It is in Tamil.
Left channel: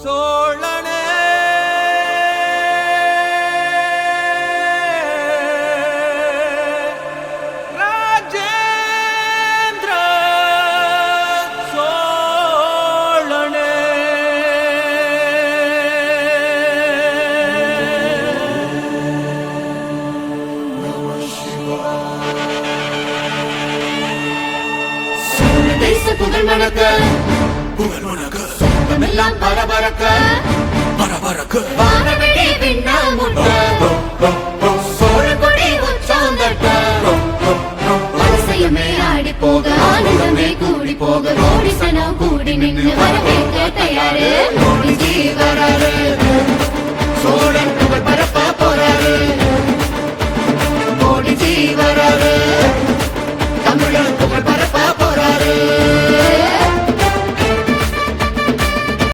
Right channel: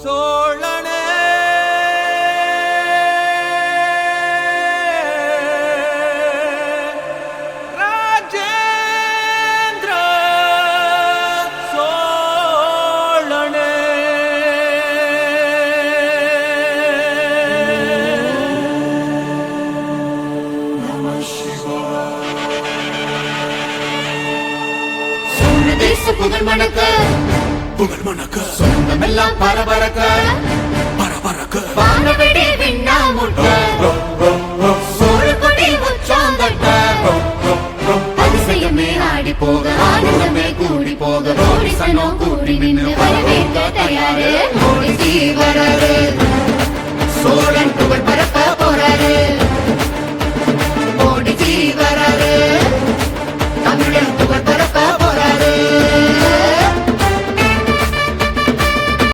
சோழனே ராஜேந்திர சோழனே நம சிவாய. தேச புகழ் மணக்க சொந்தமெல்லாம் பரபரக்க வானவெளி விண்ணால் முட்ட சோழக்குடி உச்சம் நட்ட அதிசயமே ஆடி போக ஆனந்தமே கூடி போக கோடி சனம் கூடி நின்று